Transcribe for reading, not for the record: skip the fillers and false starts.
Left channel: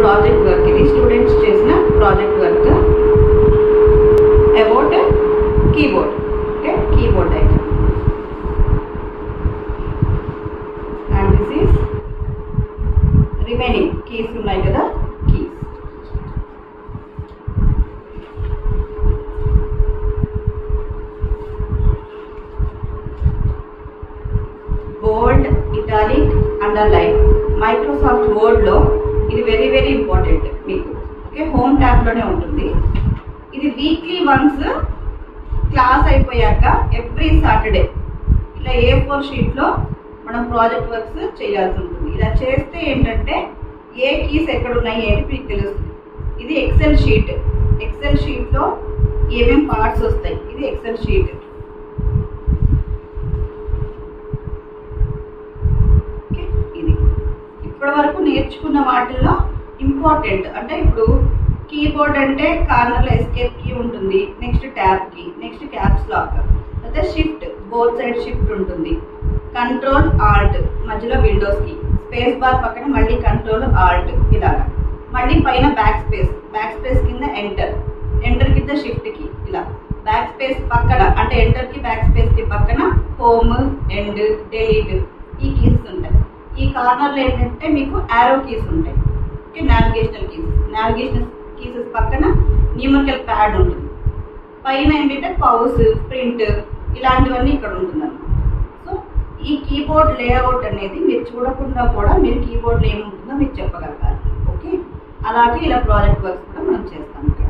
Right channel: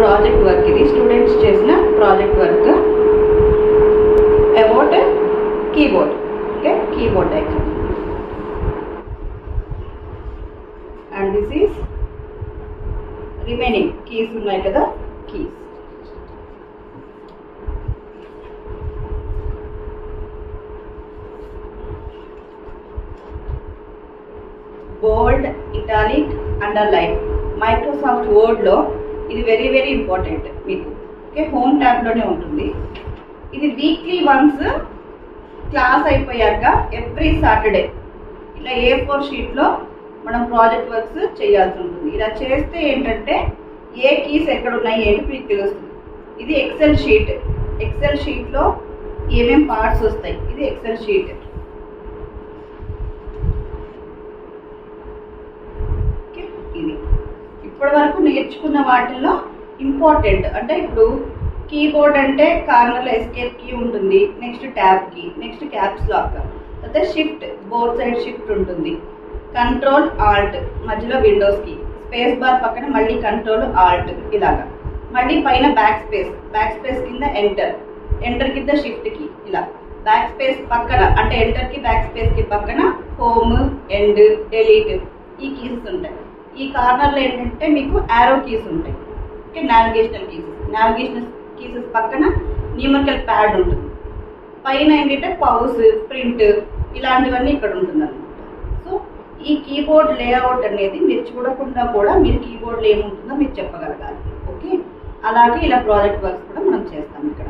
Project work ఇది students చేసిన project work about keyboard. Okay, keyboard diagram. And this is remaining keys ఉన్నాయి కదా, keys. బోల్డ్, italic, underline. Microsoft వర్డ్లో ఇది very very important మీకు. Okay, home ట్యాబ్లోనే ఉంటుంది ఇది. వీక్లీ వన్స్ క్లాస్ అయిపోయాక ఎవ్రీ సాటర్డే ఇలా A4 షీట్లో మనం ప్రాజెక్ట్ వర్క్స్ చేయాల్సి ఉంటుంది. ఇలా చేస్తే ఏంటంటే ఏ కీస్ ఎక్కడ ఉన్నాయి ఏంటి మీకు తెలుస్తుంది. ఇది ఎక్సెల్ షీట్. ఎక్సెల్ షీట్లో ఏమేమి పార్ట్స్ వస్తాయి, ఇది ఎక్సెల్ షీట్. ఇది ఇప్పటి వరకు నేర్చుకున్న వాటిల్లో ఇంపార్టెంట్. అంటే ఇప్పుడు కీబోర్డ్ అంటే కార్నర్లో ఎస్కేప్ కీ ఉంటుంది, next tab key, next caps lock, అయితే షిఫ్ట్ బోత్ సైడ్ షిఫ్ట్ ఉంటుంది, కంట్రోల్ ఆల్ట్ మధ్యలో విండోస్ కీ, స్పేస్ బార్ పక్కన మళ్ళీ కంట్రోల్ ఆల్ట్ ఇలాగా, మళ్ళీ పైన బ్యాక్ స్పేస్, బ్యాక్ స్పేస్ కింద ఎంటర్, ఎంటర్ కింద షిఫ్ట్ కీ ఇలా, బ్యాక్ స్పేస్ పక్కన అంటే ఎంటర్ కి బ్యాక్ స్పేస్ కి పక్కన హోమ్, ఎండ్, డిలీట్ ఈ కీస్ ఉంటాయి. ఈ కార్నర్లో ఏంటంటే మీకు యారో కీస్ ఉంటాయి. Okay, navigational keys. Navigational keys పక్కన న్యూమరికల్ ప్యాడ్ ఉంటుంది. పైన ఏంటంటే పౌస్, ప్రింట్ ఇలాంటివన్నీ ఇక్కడ ఉంటుంది అన్నమాట. సో ఈ కీబోర్డ్ లేఅవుట్ అనేది మీరు చూడకుండా కూడా మీరు కీబోర్డ్లో ఏముంటుందో మీరు చెప్పగలగాలి. ఓకే, అలాగే ఇలా ప్రాజెక్ట్ వర్క్స్ కూడా మనం చేస్తాం ఇక్కడ.